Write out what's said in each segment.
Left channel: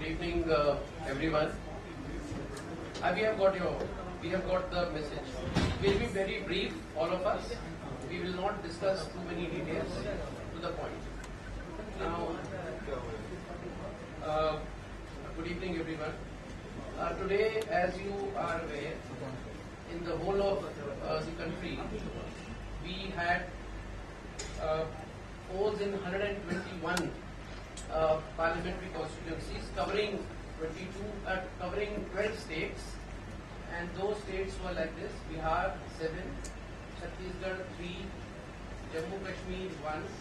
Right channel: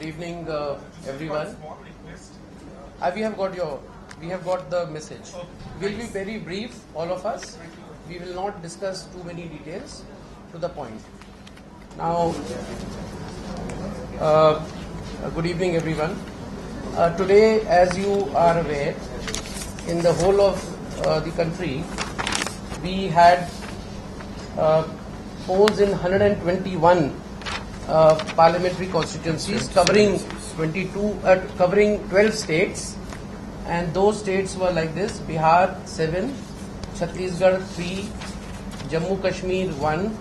Good evening, everyone. We have got the message. We'll be very brief, all of us. We will not discuss too many details. To the point. Now, good evening, everyone. Today, as you are aware, in the whole of the country, we had polls in 121 parliamentary constituencies covering 12 states, and those states were like this: Bihar 7, Chhattisgarh 3, Jammu Kashmir 1,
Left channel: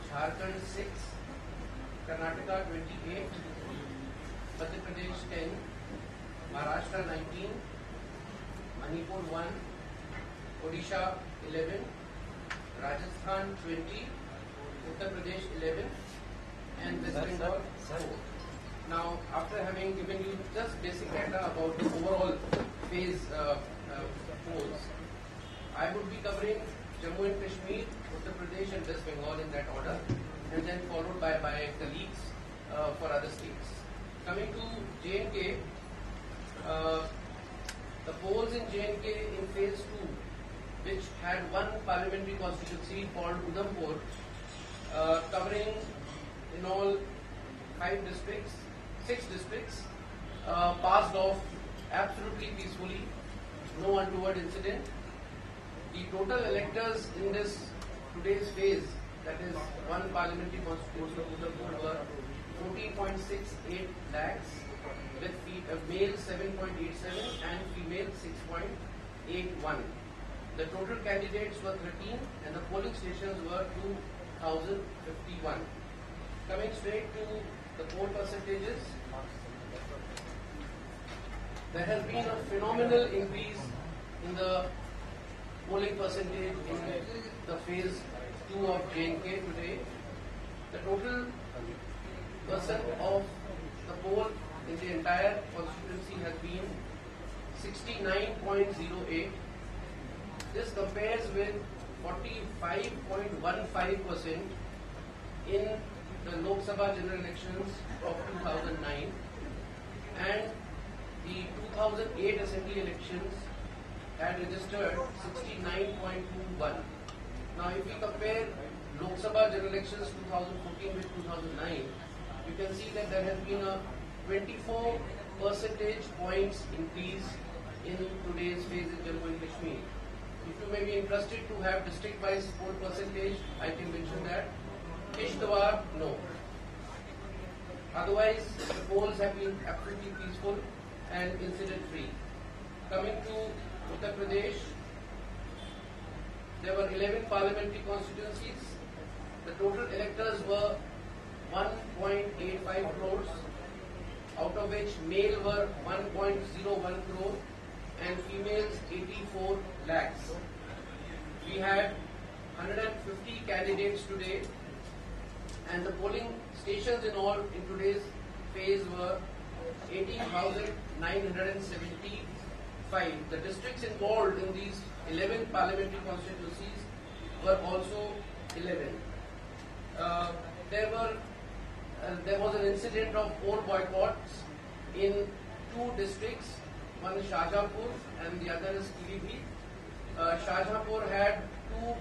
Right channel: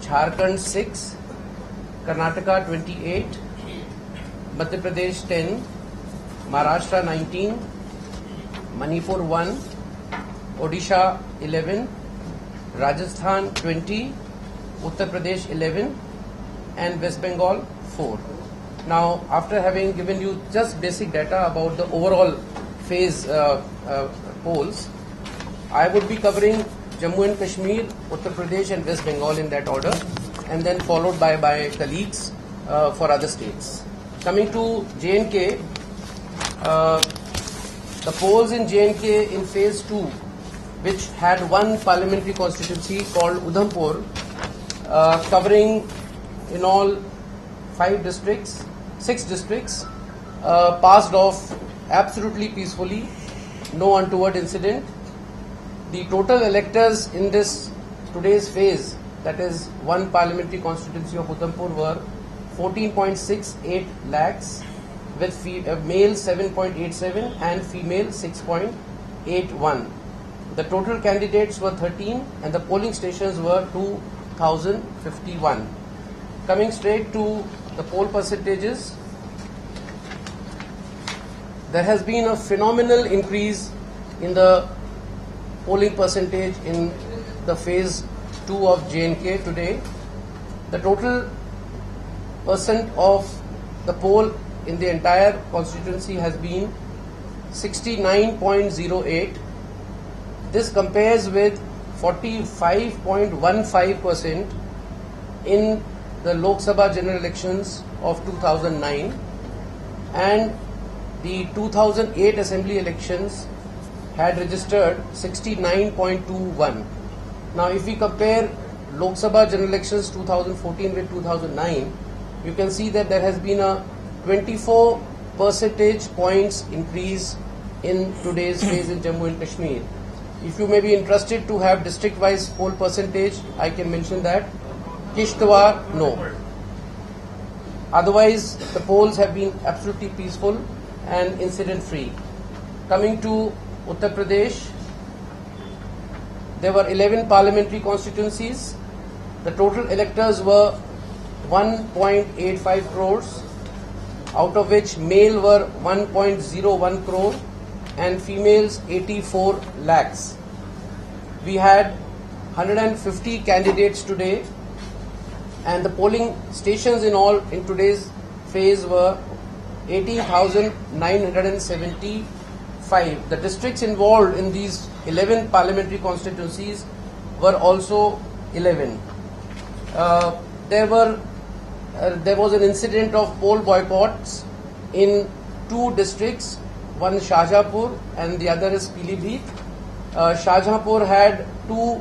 Jharkhand 6, Karnataka 28, Madhya Pradesh 10, Maharashtra 19, Manipur 1, Odisha 11, Rajasthan 20, Uttar Pradesh 11, and West Bengal 4. Now, after having given you just basic data about the overall phase polls, I would be covering Jammu and Kashmir, Uttar Pradesh and West Bengal in that order, and then followed by my colleagues for other states. Coming to J&K, the polls in J&K in phase 2, which had one parliamentary constituency called Udhampur, covering in all 6 districts, passed off absolutely peacefully, no untoward incident. The total electors in today's phase, that is one parliamentary constituency of Udhampur, were 14.68 lakhs, with male 7.87 and female 6.81. The total candidates were 13 and the polling stations were 2,051. Coming straight to the poll percentages, there has been a phenomenal increase in the polling percentage in the phase 2 of J&K today. The total percent of the poll in the entire constituency has been 69.08. This compares with 45.15% in the Lok Sabha general elections of 2009 and the 2008 assembly elections had registered 69.21. Now, if we compare Lok Sabha general elections 2014 with 2009, you can see that there has been a 24 percentage points increase in today's phase in Jammu and Kashmir. If you may be interested to have district-wise poll percentage, I can mention that. Kishtwar, no. Otherwise, the polls have been absolutely peaceful and incident-free. Coming to Uttar Pradesh, there were 11 parliamentary constituencies. The total electors were 1.85 crores, out of which male were 1.01 crore and females 84 lakhs. We had 150 candidates today, and the polling stations in all in today's phase were 18,975. The districts involved in these 11 parliamentary constituencies were also 11. There was an incident of poll boycotts in 2 districts, one Shahjahanpur and the other is Pilibhit. Shahjahanpur had 2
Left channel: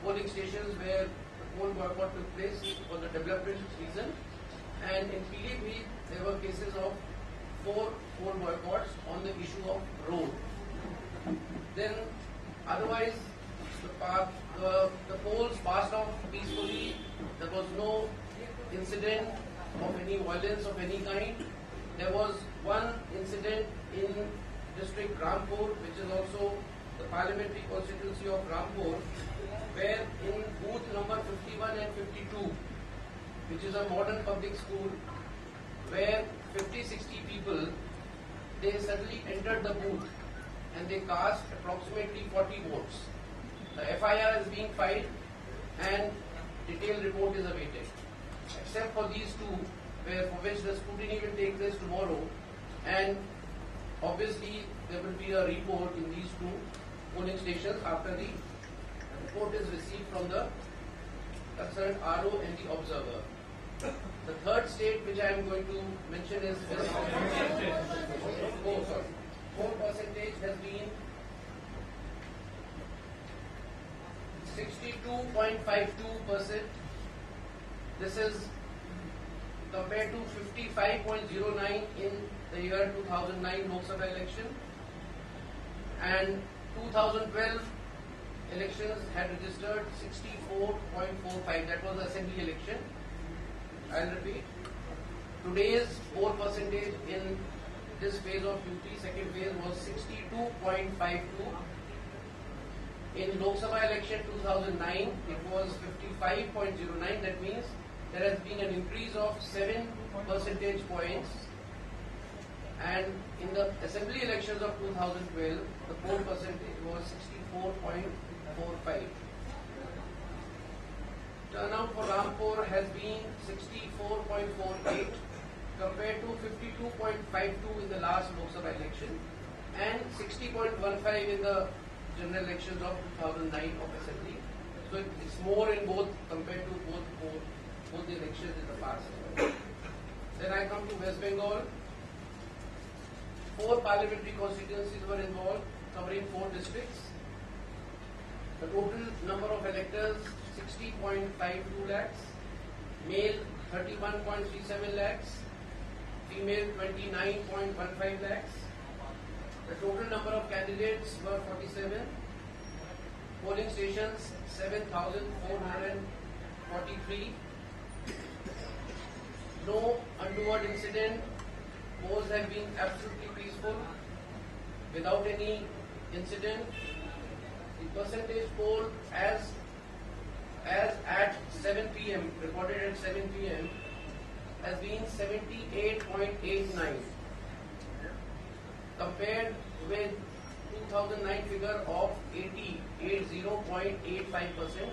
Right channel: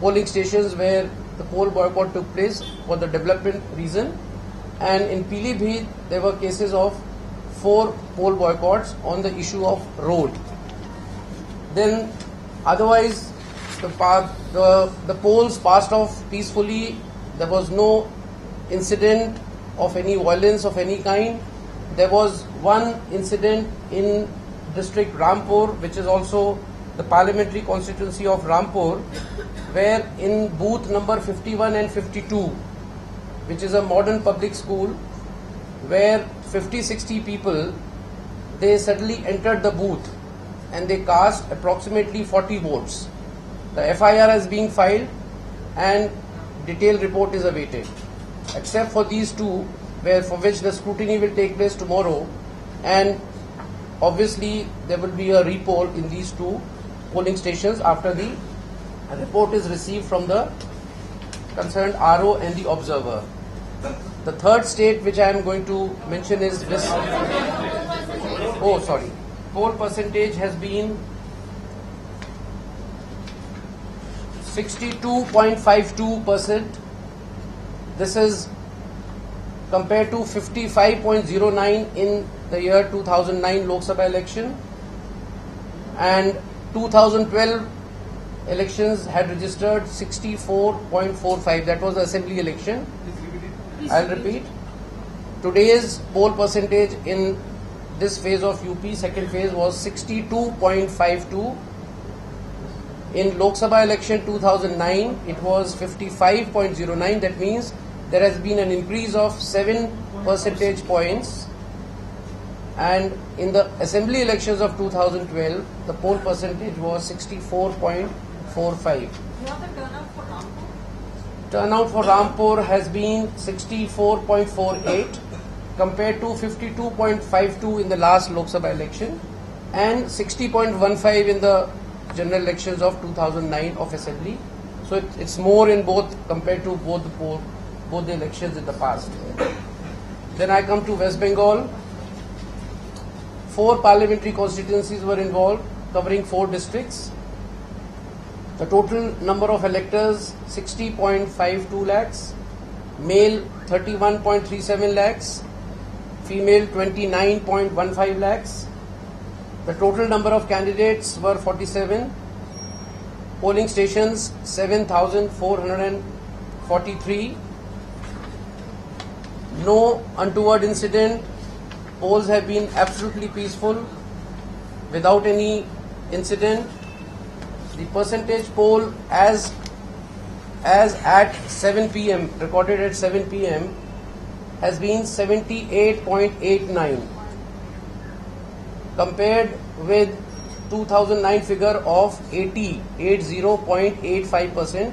polling stations where the poll boycott took place for the development reason, and in Pilibhit there were cases of 4 poll boycotts on the issue of road. Then otherwise the polls passed off peacefully. There was no incident of any violence of any kind. There was one incident in district Rampur, which is also the parliamentary constituency of Rampur, where in booth number 51 and 52, which is a modern public school, where 50-60 people, they suddenly entered the booth and they cast approximately 40 votes. The FIR is being filed and detailed report is awaited. Except for these 2, for which the scrutiny will take place tomorrow, and obviously there will be a repoll in these 2 polling stations after the report is received from the concerned RO and the observer. The third state which I am going to mention is this. Oh, sorry. Poll percentage has been 62.52%. This is compared to 55.09 in the year 2009 Lok Sabha election, and 2012 elections had registered 64.45. That was the assembly election. I'll repeat. Today's poll percentage in this phase of UP, second phase, was 62.52. In Lok Sabha election 2009, it was 55.09. That means there has been an increase of 7 percentage points. And in the assembly elections of 2012, the poll percentage was 64.45. What the turnout for Rampur? Turnout for Rampur has been 64.48 compared to 52.52 in the last Lok Sabha election and 60.15 in the general elections of 2009 of assembly. So it's more in both compared to both the elections in the past. Then I come to West Bengal. 4 parliamentary constituencies were involved, covering 4 districts. The total number of electors 60.52 lakhs, male 31.37 lakhs, female 29.15 lakhs. The total number of candidates were 47. Polling stations 7,443. No untoward incident. Polls have been absolutely peaceful, without any incident. The percentage poll as at 7 p.m. recorded at 7 p.m. has been 78.89 compared with 2009 figure of 80.85%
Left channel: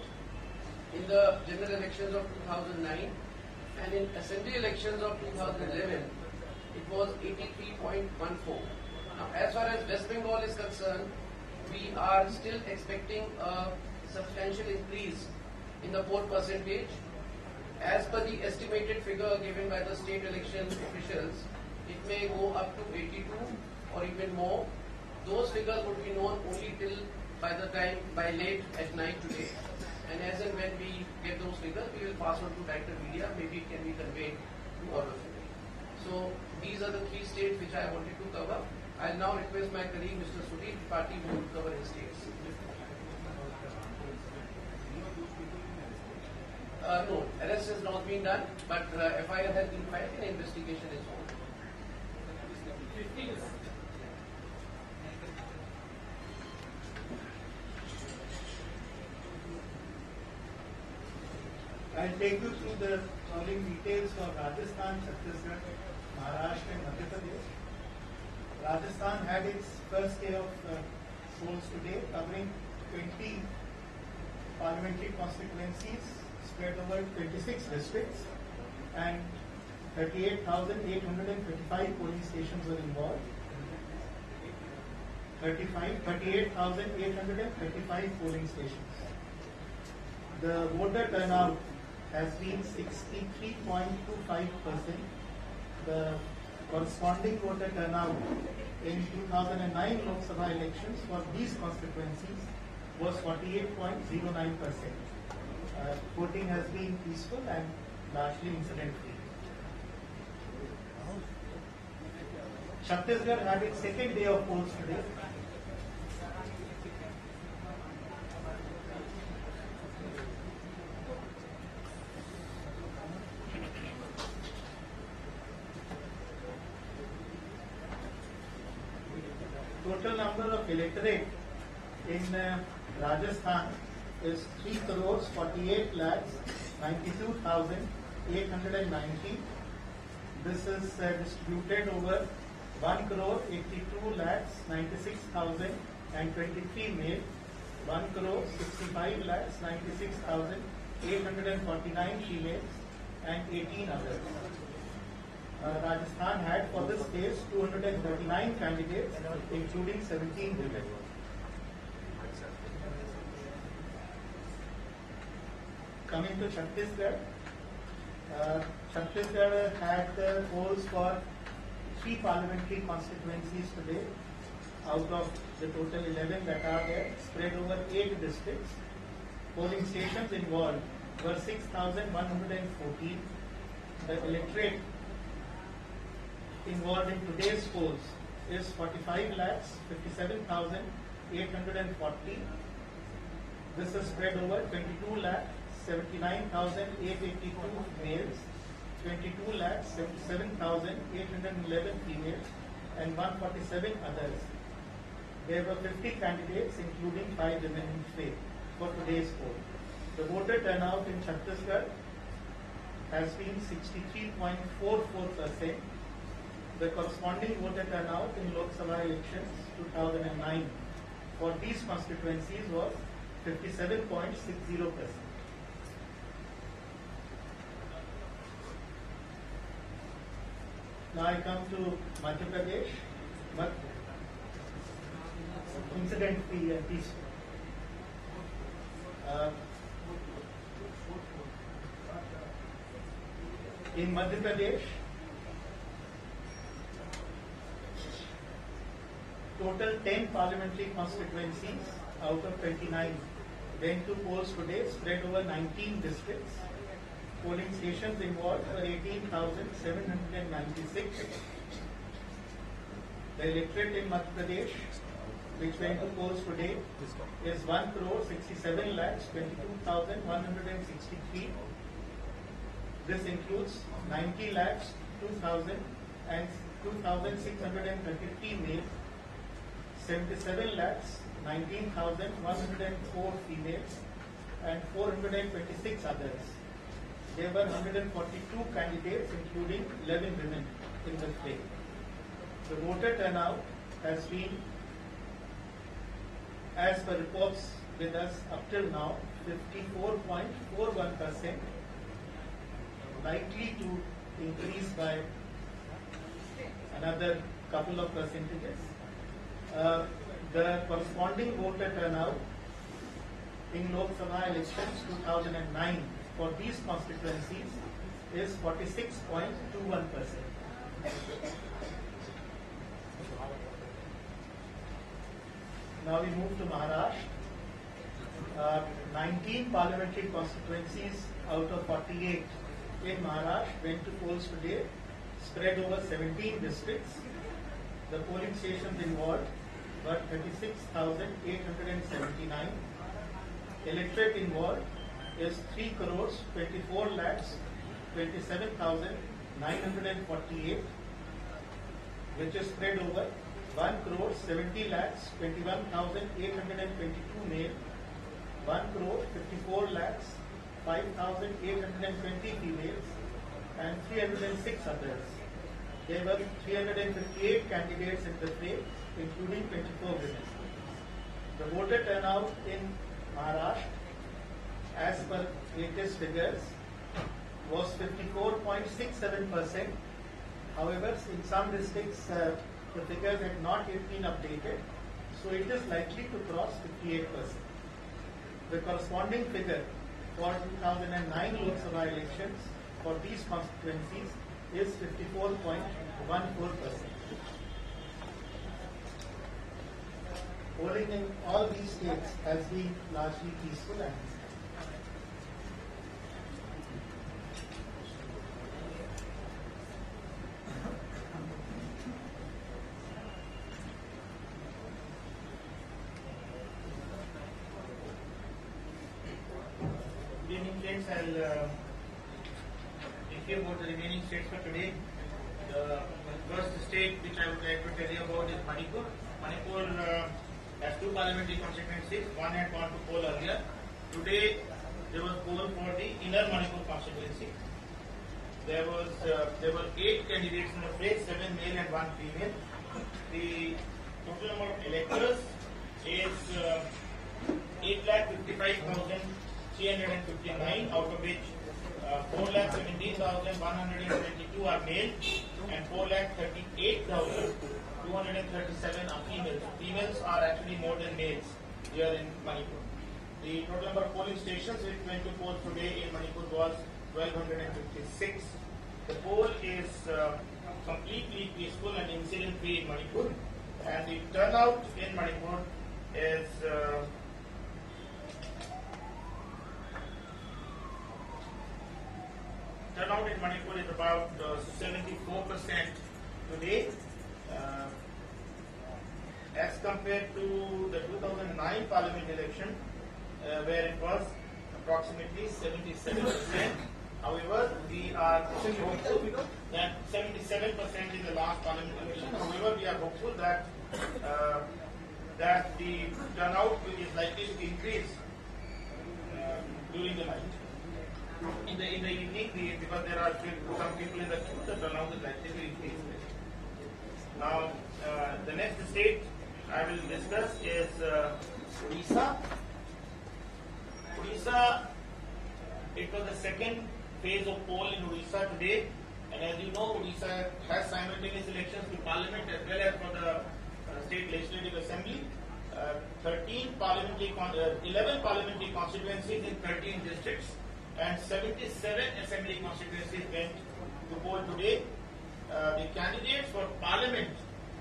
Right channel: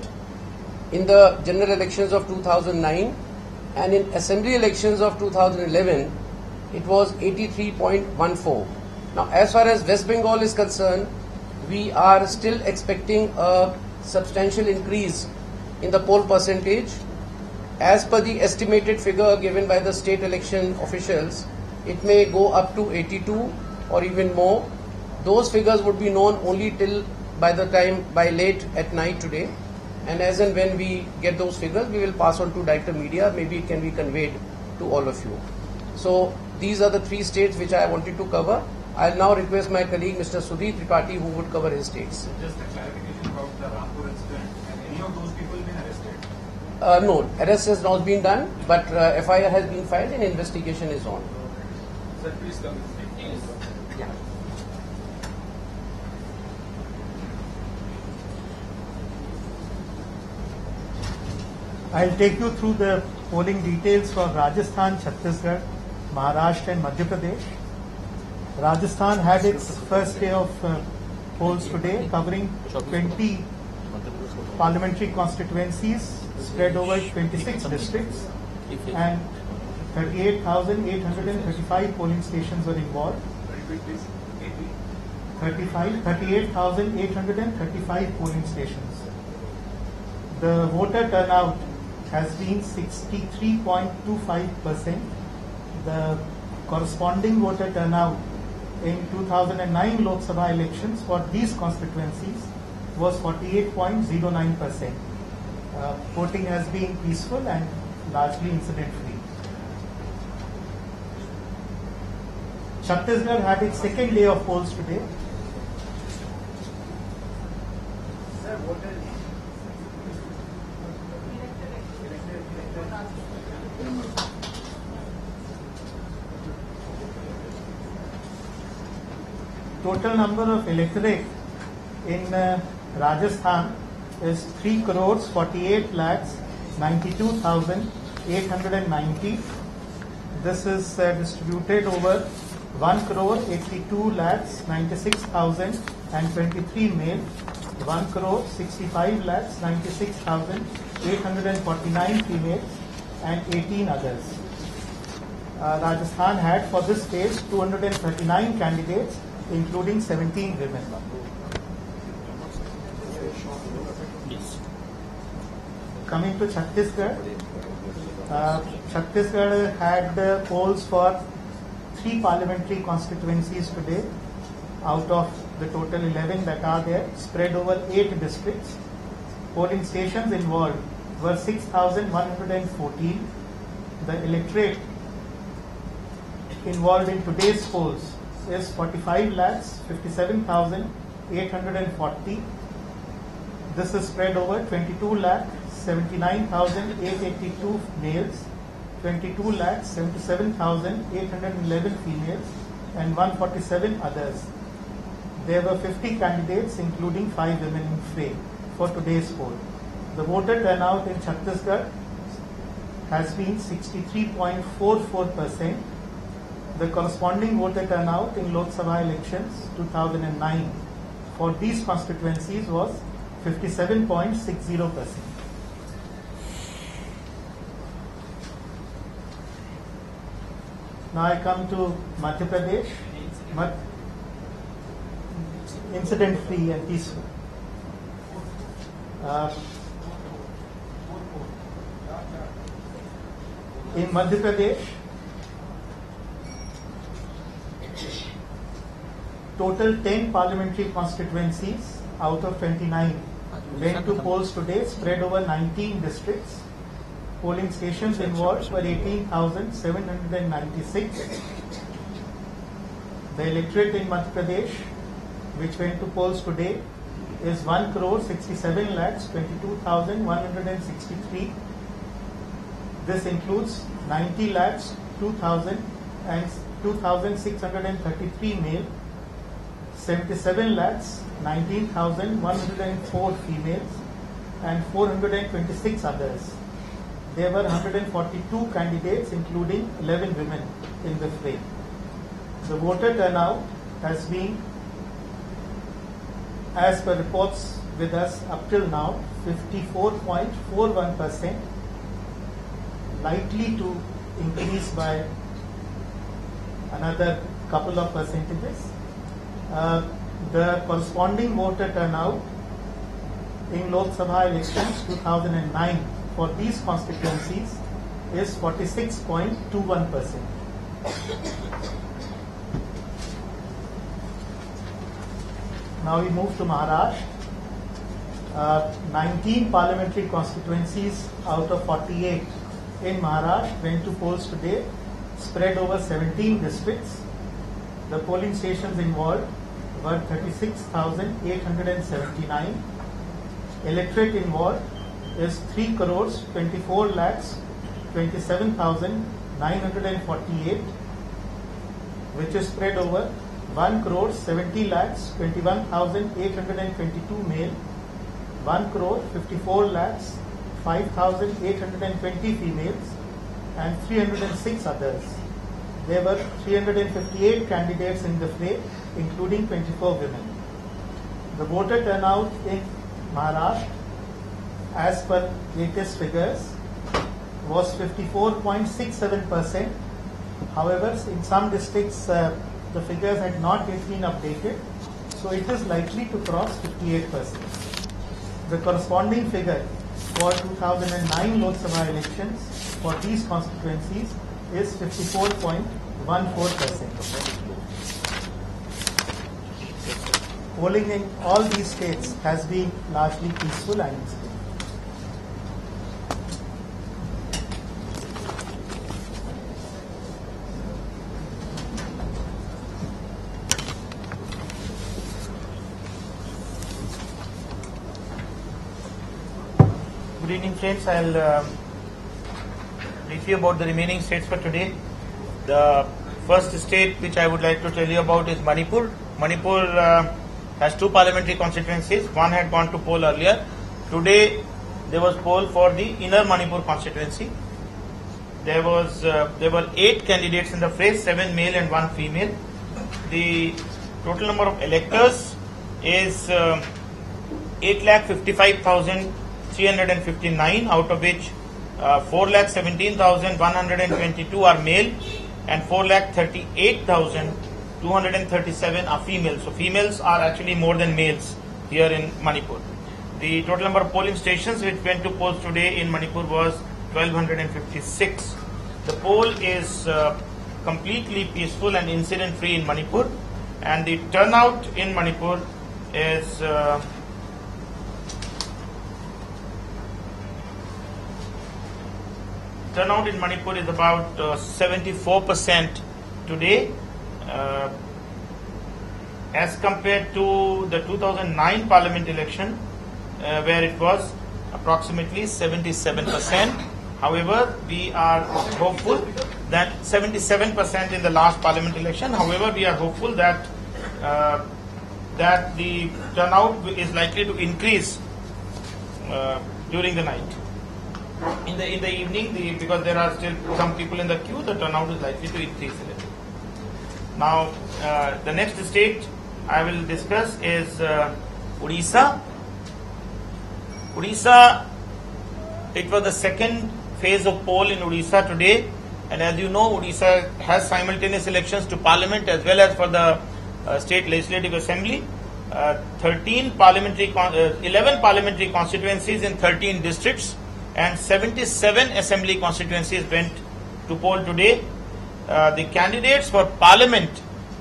in the general elections of 2009, and in assembly elections of 2011 it was 83.14. Now, as far as West Bengal is concerned, we are still expecting a substantial increase in the poll percentage. As per the estimated figure given by the state election officials, it may go up to 82 or even more. Those figures would be known only till by late at night today, and as and when we get those figures, we will pass on to director media. Maybe it can be conveyed to all of you. So these are the 3 states which I wanted to cover. I'll now request my colleague Mr. Sudhir Tripathi, who would cover his states. Just a clarification about the Rampur incident. Have any of those people been arrested? No, arrest has not been done, but FIR has been filed and investigation is on. Sir, please come. Yes. Yeah. I'll take you through the polling details for Rajasthan, Chhattisgarh, Maharashtra and Madhya Pradesh. Rajasthan had its first day of polls today, covering 20 parliamentary constituencies spread over 26 districts, and 38,835 polling stations were involved. 38,835 polling stations. The voter turnout has been 63.25%. The corresponding voter turnout in 2009 Lok Sabha elections for these constituencies was 48.09%. Voting has been peaceful and largely incident-free. Chhattisgarh had its second day of polls today. Total number of electorate in Rajasthan is 3,48,92,890. This is distributed over 1,82,96,023 male, 1,65,96,849 females, and 18 others. Rajasthan had for this phase 239 candidates, including 17 women. Coming to Chhattisgarh, Chhattisgarh had polls for 3 parliamentary constituencies today out of the total 11 that are there, spread over 8 districts. Polling stations involved were 6,114. The electorate involved in today's polls is 45,57,840. This is spread over 22,79,882 males, 22,77,811 females, and 147 others. There were 50 candidates, including 5 women in fray, for today's poll. The voter turnout in Chhattisgarh has been 63.44%. The corresponding voter turnout in Lok Sabha elections 2009 for these constituencies was 57.60%. Now I come to Madhya Pradesh, incident free and peaceful. In Madhya Pradesh, total 10 parliamentary constituencies out of 29 went to polls today, spread over 19 districts. Polling stations involved were 18,796. The electorate in Madhya Pradesh, which went to polls today, is 1,67,22,163. This includes 90,02,633 male, 77,19,104 females, and 426 others. There were 142 candidates, including 11 women, in the fray. The voter turnout has been, as per reports with us up till now, 54.41%, likely to increase by another couple of percentages. The corresponding voter turnout in Lok Sabha elections 2009 for these constituencies is 46.21%. Now we move to Maharashtra. 19 parliamentary constituencies out of 48 in Maharashtra went to polls today, spread over 17 districts. The polling stations involved were 36,879. Electorate involved is 3,24,27,948, which is spread over 1,70,21,822 male, 1,54,05,820 females, and 306 others. There were 358 candidates in the fray, including 24 women. The voter turnout in Maharashtra, as per latest figures, was 54.67%. However, in some districts, the figures had not yet been updated, so it is likely to cross 58%. The corresponding figure for 2009 Lok Sabha elections for these constituencies is 54.14%. Polling in all these states has been largely peaceful and peaceful. Good evening, friends. I'll brief you about the remaining states for today. The first state which I would like to tell you about is Manipur. Manipur has 2 parliamentary constituencies. One had gone to poll earlier. Today there was poll for the inner Manipur constituency. There were 8 candidates in the fray, 7 male and 1 female. The total number of electors is 8,55,359, out of which 4,17,122 are male and 4,38,237 are female. So females are actually more than males here in Manipur. The total number of polling stations which went to polls today in Manipur was 1256. The poll is completely peaceful and incident free in Manipur, and the turnout in Manipur is about 74% today, as compared to the 2009 parliament election, where it was approximately 77%. However, we are hopeful that 77% in the last parliament election. However, we are hopeful that that the turnout is likely to increase during the night. In the evening, because there are still some people in the queue, the turnout is likely to increase a little. Now, the next state I will discuss is Odisha. Odisha, it was the second phase of poll in Odisha today, and as you know, Odisha has simultaneous elections to Parliament as well as for the State Legislative Assembly. 11 parliamentary constituencies in 13 districts and 77 assembly constituencies went to poll today. The candidates for Parliament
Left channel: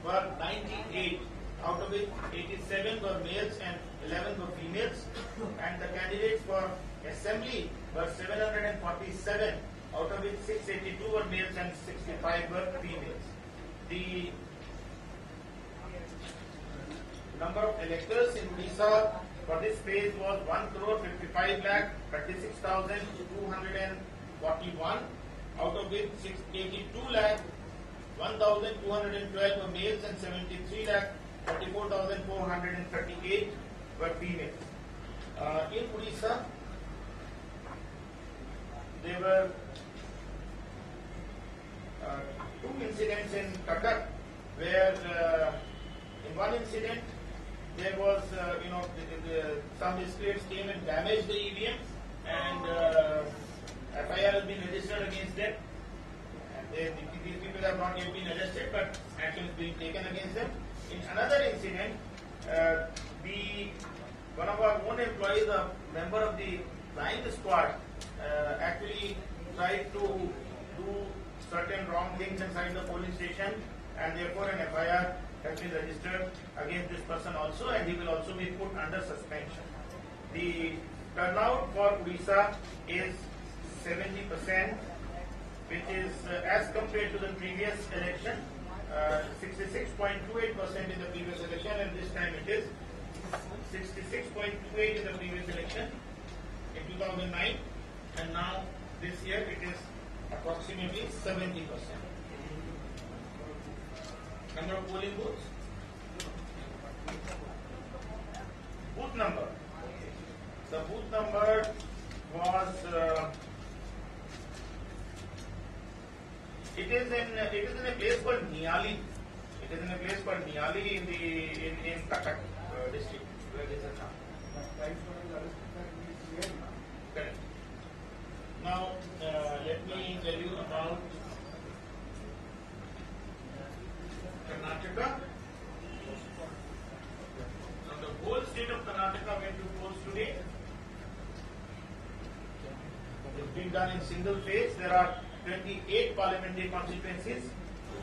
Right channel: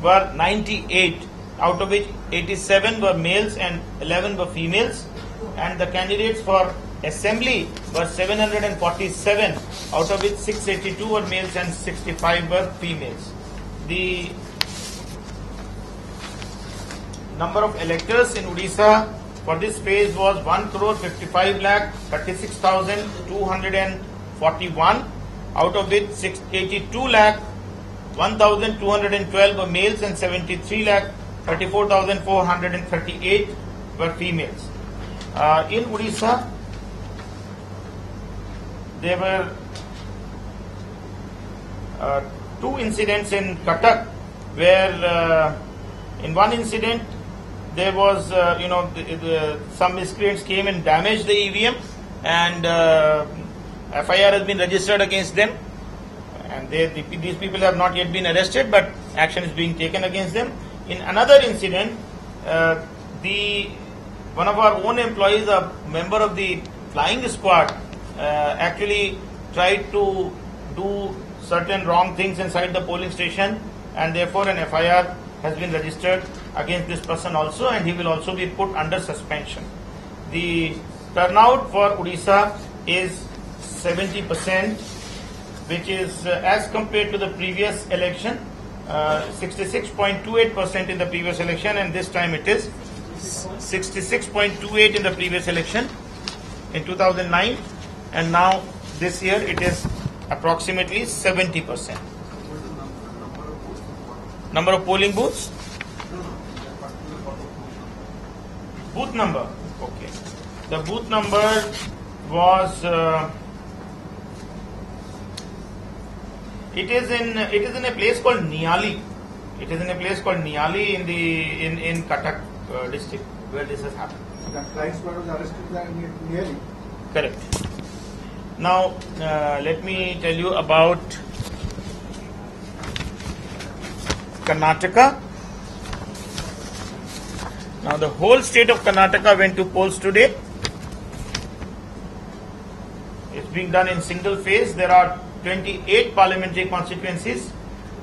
were 98, out of which 87 were males and 11 were females, and the candidates for Assembly were 747, out of which 682 were males and 65 were females. The number of electors in Odisha for this phase was 1,55,36,241, out of which 82,01,212 were males and 73,34,438 were females. In Odisha, there were two incidents in Cuttack, where in one incident there was, some miscreants came and damaged the EVM, and FIR has been registered against them, and these people have not yet been arrested, but action is being taken against them. In another incident, one of our own employees, a member of the flying squad, actually tried to do certain wrong things inside the polling station, and therefore an FIR has been registered against this person also, and he will also be put under suspension. The turnout for Odisha is 70%, which is as compared to the previous election, 66.28% in the previous election, and this time it is 66.28 in the previous election in 2009, and now this year it is approximately 70%. Number of polling booths? Booth number. Okay. The booth number was. It is in a place called Niali. It is in a place called Niali in Cuttack district where this has happened. That flying squad was arrested nearly. Correct. Now let me tell you about Karnataka. Now the whole state of Karnataka went to polls today. It's being done in single phase. There are 28 parliamentary constituencies,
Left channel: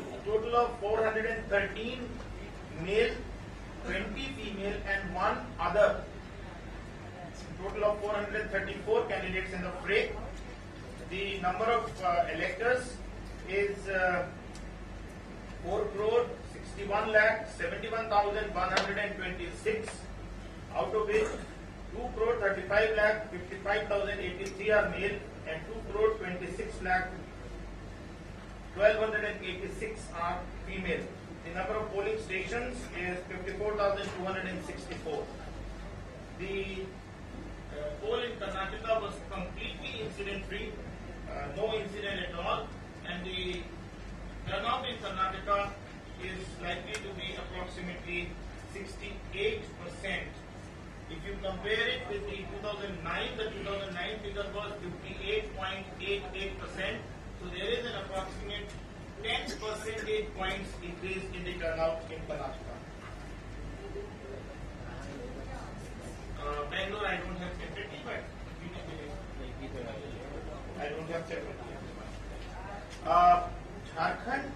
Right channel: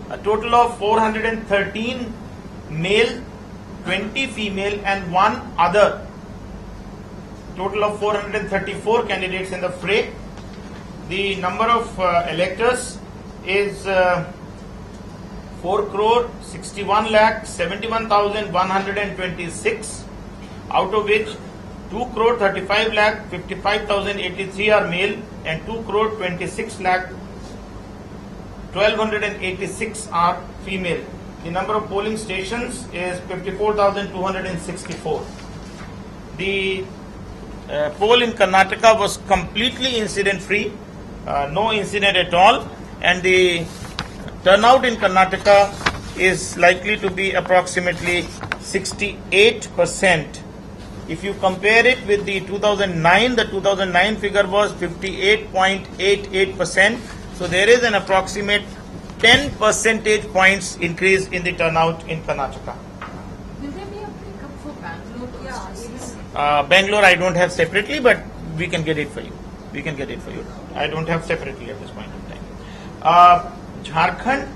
a total of 413 male, 20 female and 1 other. Total of 434 candidates in the fray. The number of electors is 4,61,71,126, out of which 2,35,55,083 are male and 2,26,1286 are female. The number of polling stations is 54,264. The poll in Karnataka was completely incident free, no incident at all, and the turnout in Karnataka is likely to be approximately 68%. If you compare it with the 2009 figure was 58.88%. So there is an approximate 10 percentage points increase in the turnout in Karnataka. Will there be a breakup for Bangalore? Bangalore I don't have separately, but we can get it for you. We can get it for you. I don't have separately at this point in time. Jharkhand,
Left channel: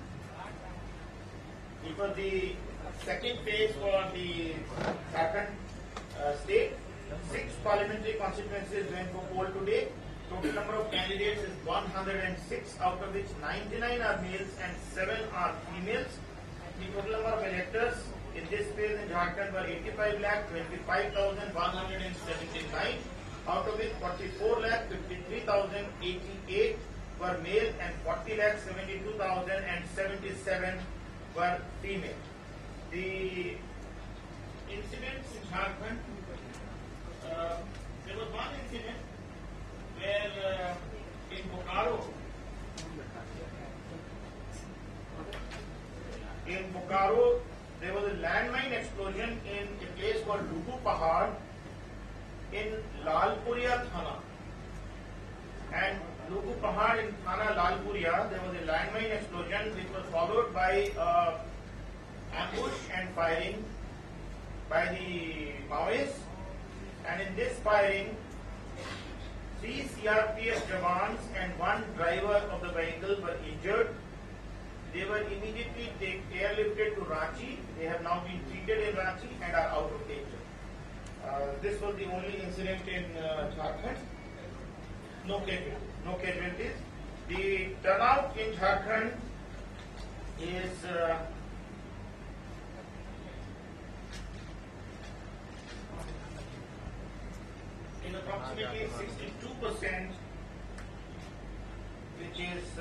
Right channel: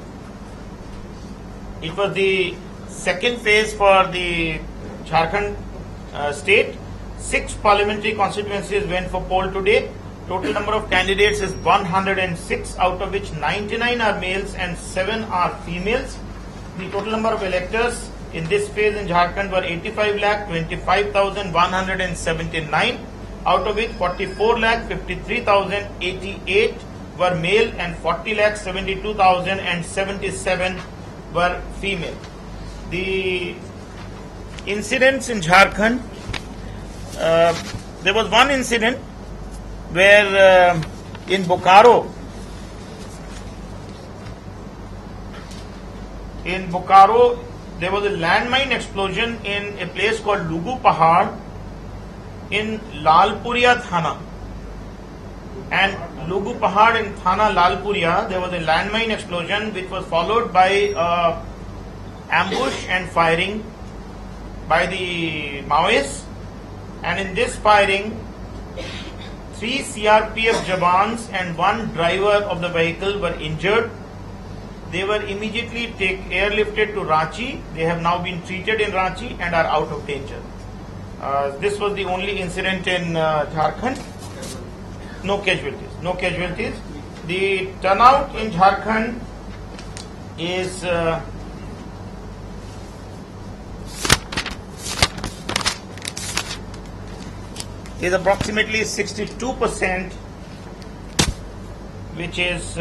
it was the second phase for the Jharkhand state. 6 parliamentary constituencies went for poll today. Total number of candidates is 106, out of which 99 are males and 7 are females. The total number of electors in this phase in Jharkhand were 85,25,179, out of which 44,53,088 were male and 40,72,077 were female. The incidents in Jharkhand, there was one incident where in Bokaro, there was a landmine explosion in a place called Lugu Pahad in Lalpuria Thana. And Lugu Pahad in Thana Lalpuria, there was a landmine explosion which was followed by ambush and firing by the Maoists. And in this firing, 3 CRPF Jawans and 1 driver of the vehicle were injured. They were immediately airlifted to Ranchi. They have now been treated in Ranchi and are out of danger. This was the only incident in Jharkhand. No casualties. The turnout in Jharkhand is approximately 62%, which is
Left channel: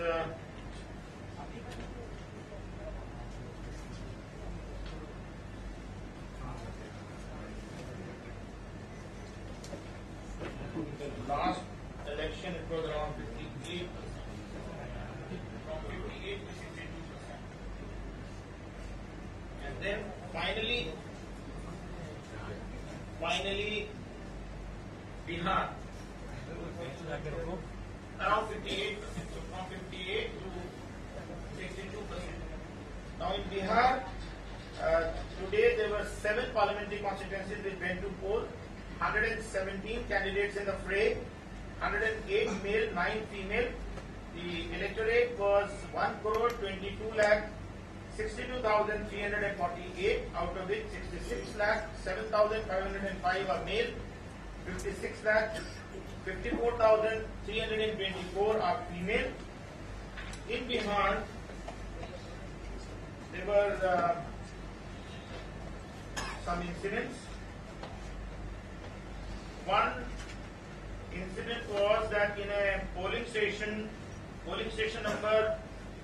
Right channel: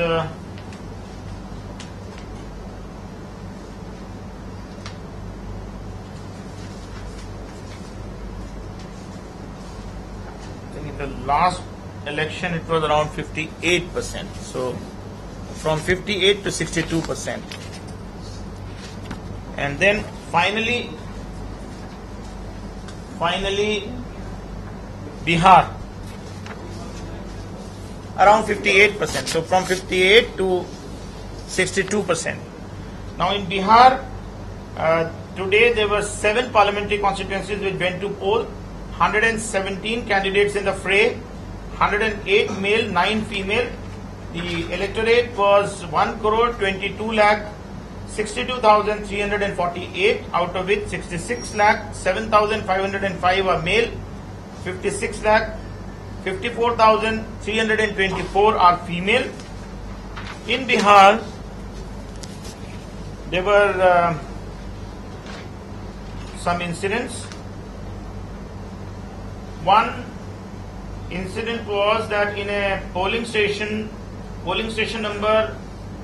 in the last election it was around 58%. So from 58 to 62%. And then finally Bihar, around 58%. So from 58 to 62%. Now in Bihar, today there were 7 parliamentary constituencies which went to poll. 117 candidates in the fray, 108 male, 9 female. The electorate was 1,62,348, out of which 66,07,505 are male, 54,324 are female. In Bihar, there were some incidents. One incident was that in a polling station number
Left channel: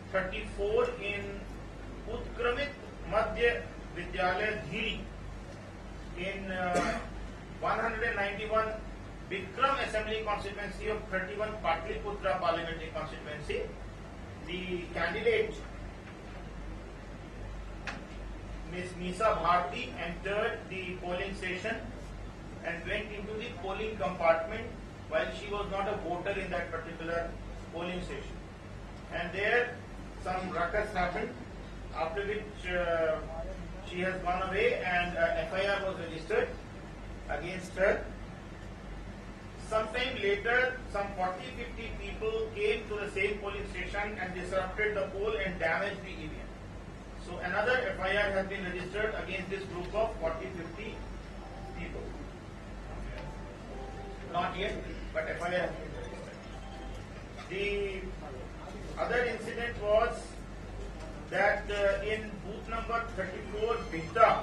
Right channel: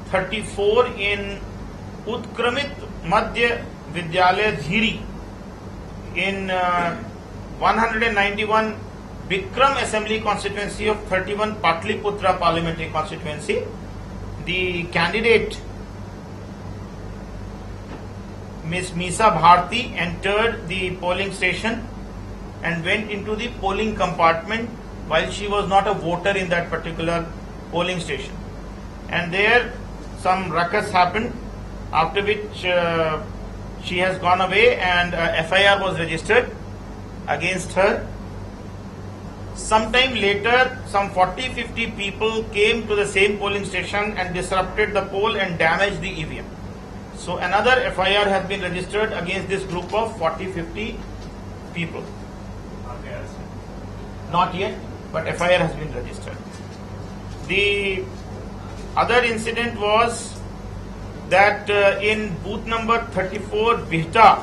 34 in Utkramit Madhya Vidyalaya Dhiri, in 191 Bikram Assembly constituency of 31 Patliputra parliamentary constituency, the candidate Ms. Misa Bharti entered the polling station and went into the polling compartment while she was not a voter in that particular polling station. And there some ruckus happened, after which she has gone away and FIR was registered against her. Sometime later, some 40-50 people came to the same polling station and disrupted the poll and damaged the EVM. So another FIR has been registered against this group of 40-50 people. Not yet, but FIR has been registered. The other incident was that in booth number 34, Bihta,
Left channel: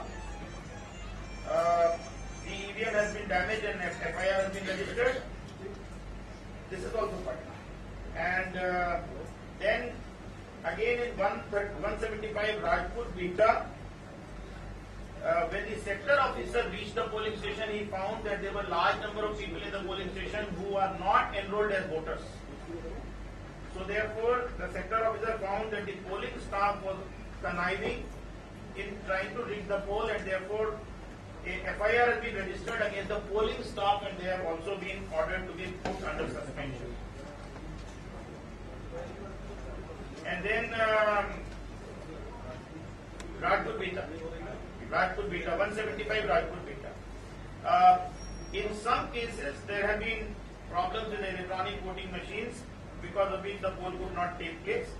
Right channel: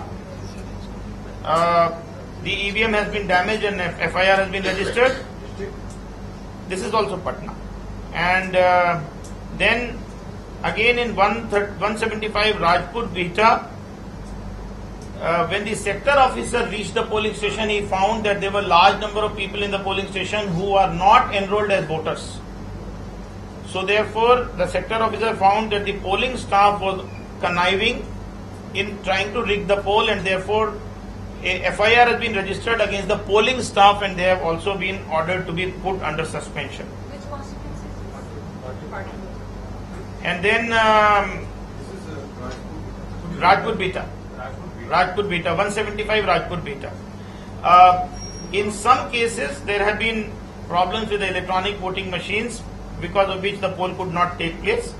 the EVM has been damaged and FIR has been registered. This is also Patna. And then again in 175 Rajput Bihta, when the sector officer reached the polling station, he found that there were large number of people in the polling station who are not enrolled as voters. So therefore, the sector officer found that the polling staff was conniving in trying to rig the poll, and therefore a FIR has been registered against the polling staff, and they have also been ordered to be put under suspension. Which constituency? And then Rajput Bihta. 175 Rajput Bihta. In some cases, there have been problems with the electronic voting machines, because of which the poll could not take place.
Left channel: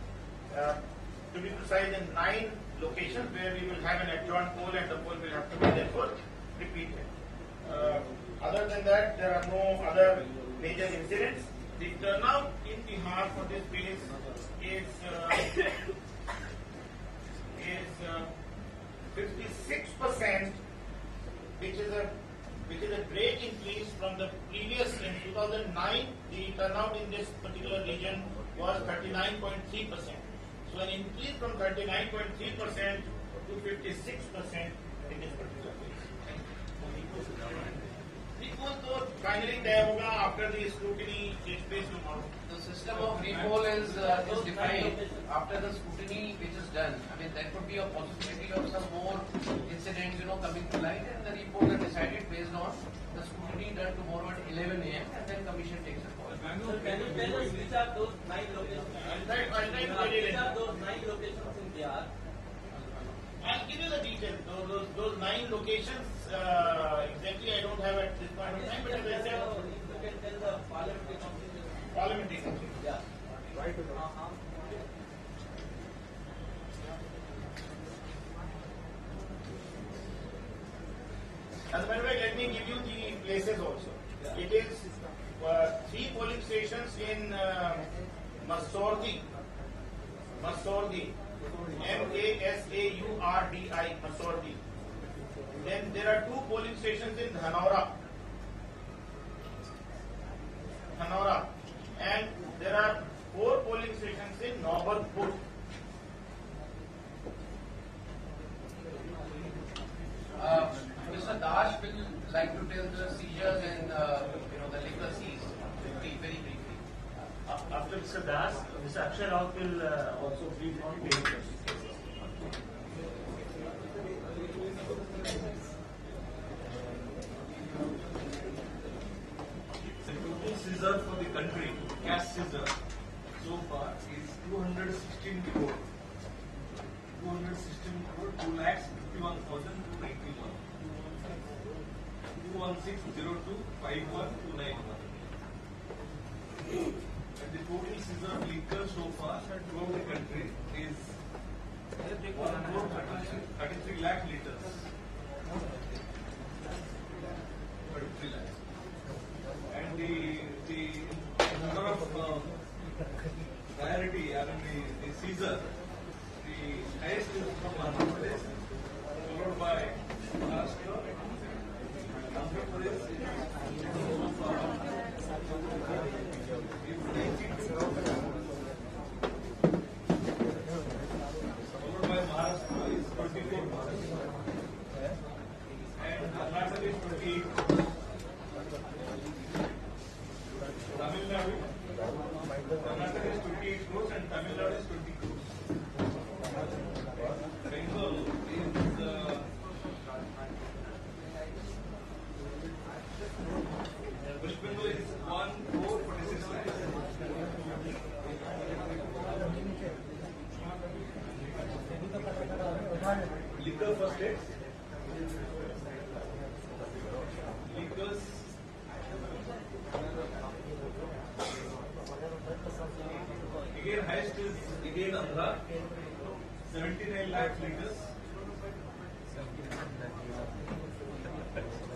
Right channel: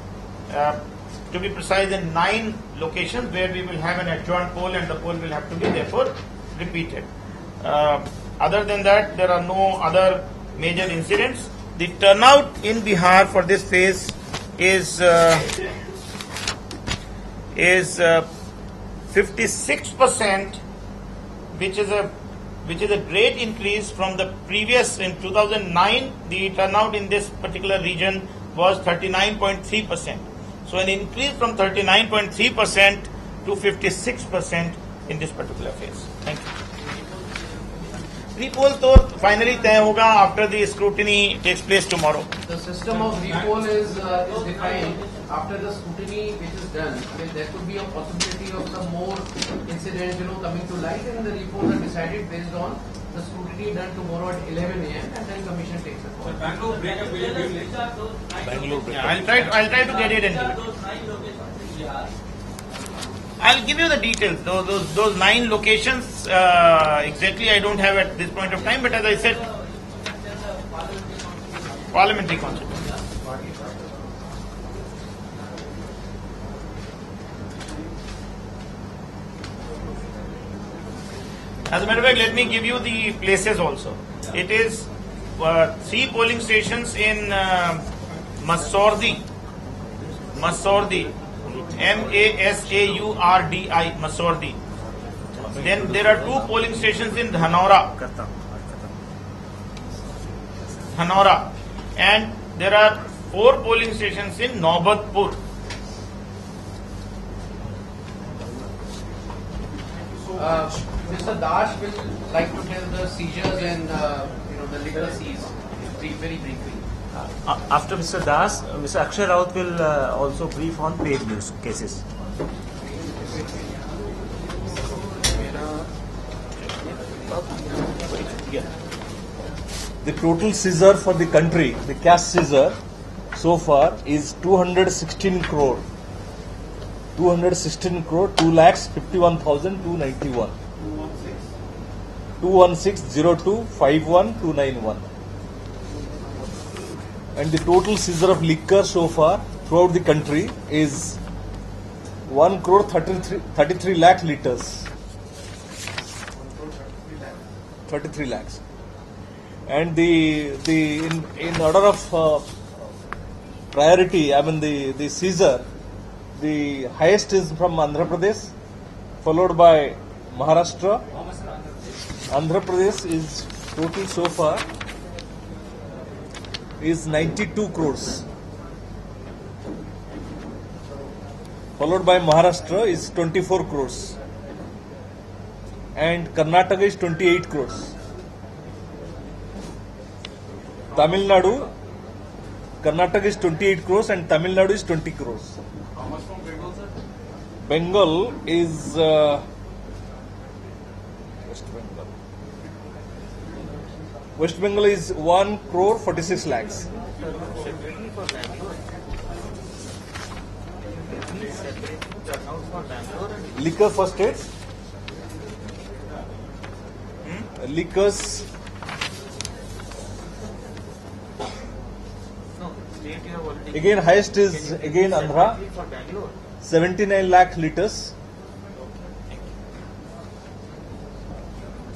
To be precise, in 9 locations where we will have an adjourned poll and the poll will have to be therefore repeated. Other than that, there are no other major incidents. The turnout in Bihar for this phase is 56%, which is a great increase from the previous. In 2009, the turnout in this particular region was 39.3%. So an increase from 39.3% to 56% in this particular phase. Thank you. Re-poll तो finally तय होगा after the scrutiny takes place tomorrow. The system of re-poll is defined after the scrutiny which is done. I mean, there could be a possibility of some more incidents, coming to light, and the re-polls are decided based on the scrutiny done tomorrow at 11 a.m. and then commission takes a call. Bangalore break up will be I'll try to get it in. I'll give you the details. Those 9 locations exactly I don't have at this point of time, but as I said, parliamentary constituency. As a matter of fact, let me give you the places also. It is 3 polling stations in Masaurdi, Masaurdi, Masaurdi. Then there are 2 polling stations in Dhanora, and there are 4 polling stations in Naubatpur. Mr. Dash will like to tell the seizures and the liquor seize very briefly. After Mr. Das, Mr. Akshay Raut will also brief on page news cases. The total seizure for the country, the cash seizure, so far is 216 crore. 2,51,291. 2160251,291. And the total seizure of liquor so far throughout the country is 1,33 lakh liters. 33 lakhs. And in order of priority, I mean the seizure, the highest is from Andhra Pradesh, followed by Maharashtra. Andhra Pradesh is total so far is 92 crores. Followed by Maharashtra is 24 crores. And Karnataka is 28 crores. Tamil Nadu, Karnataka is 28 crores and Tamil Nadu is 20 crores. Bengal is West Bengal is 1 crore 46 lakhs. Liquor for states. Liquors. Again, highest is again Andhra, 79 lakh liters.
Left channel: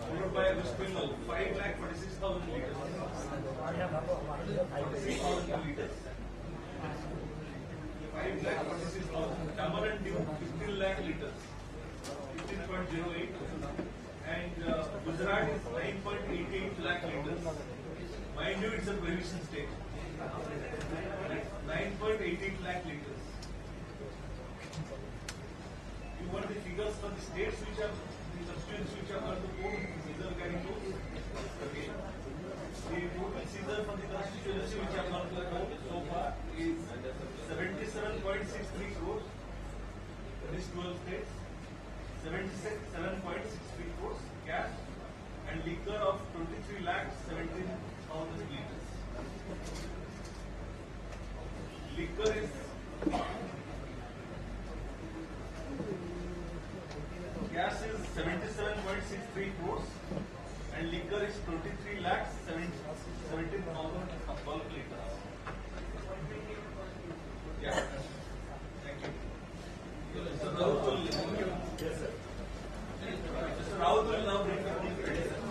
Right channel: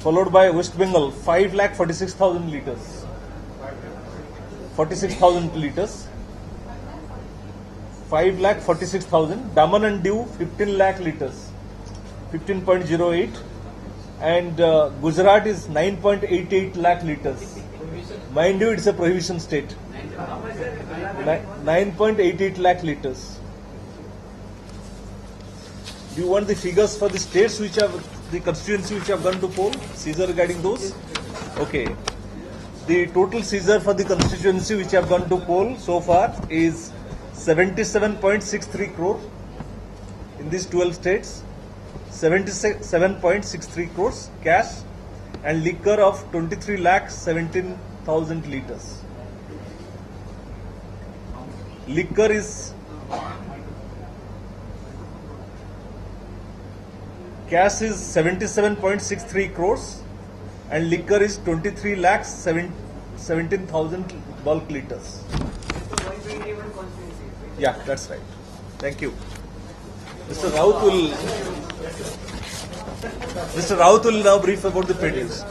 Followed by West Bengal, 5,46,000 liters. 46,000 liters. 5,46,000. Daman and Diu, 15 lakh liters. 15.08. And Gujarat is 9.88 lakh liters. Mind you, it's a prohibition state. 9.88 lakh liters. Do you want the figures for the states which have the constituency which have gone to poll? Seizure regarding those? Okay. The total seizure for the constituency which have gone to poll so far is 77.63 crore in these 12 states. 77.63 crores cash and liquor of 23 lakh 17,000 liters. Liquor is cash is 77.63 crores and liquor is 23 lakh 17,000 bulk liters. Yeah, that's right. Thank you. Mr. Raut will now brief about the trade news.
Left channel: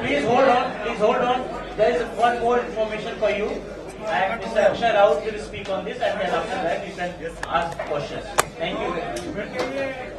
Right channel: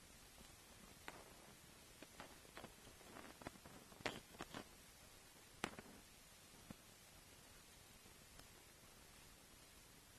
Please hold on. There is one more information for you. And Mr. Akshay Raut will speak on this, and then after that you can ask questions. Thank you.